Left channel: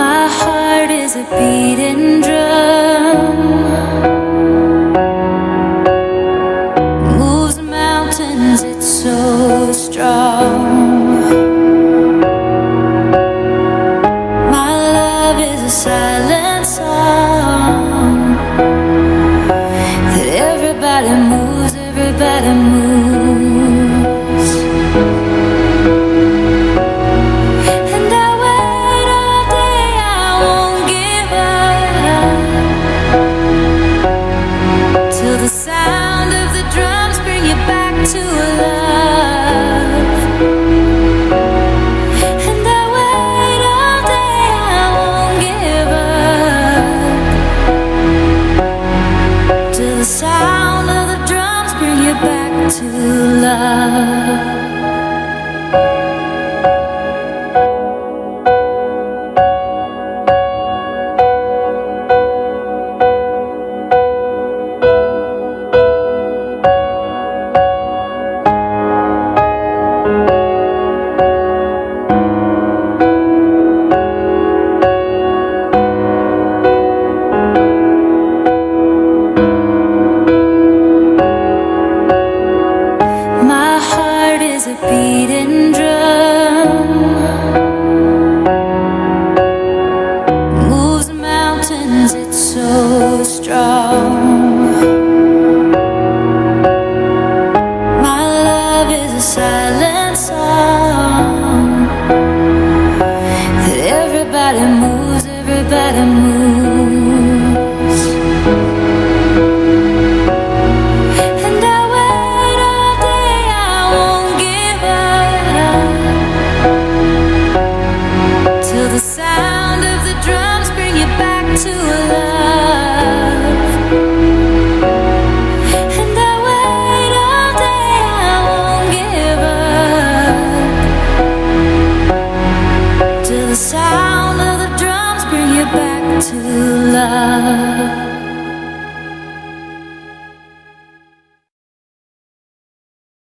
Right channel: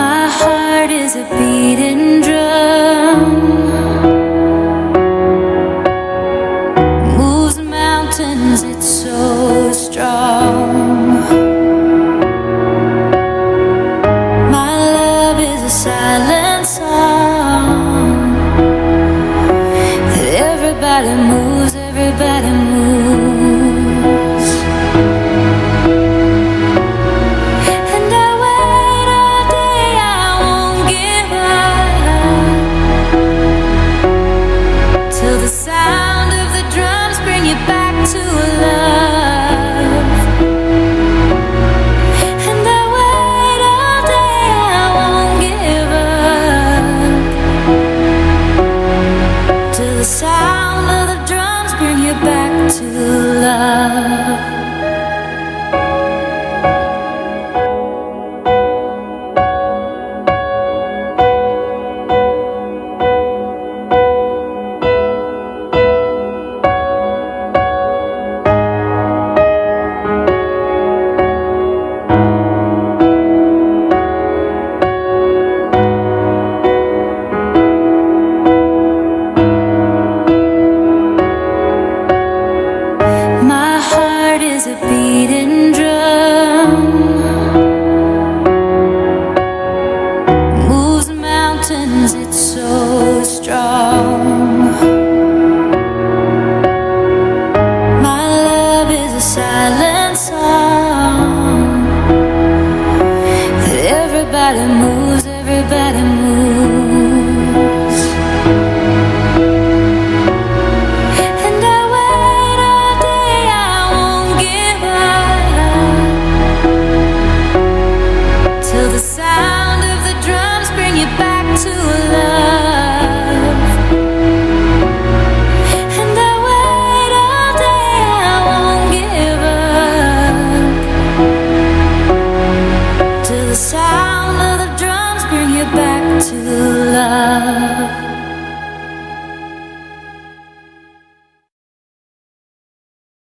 My heart is a beating drum, moves mountains, it's so strong. My love is a silent song that everybody moves, everybody moves. And I wait all day, I won't give up till the sound of the drums bring you back to love. And I wait all day, I won't give up till the sound of the drums bring you back to love. My heart is a beating drum, moves mountains, it's so strong. My love is a silent song that everybody moves, everybody moves. And I wait all day, I won't give up till the sound of the drums bring you back to love. And I wait all day, I won't give up till the sound of the drums bring you back to love.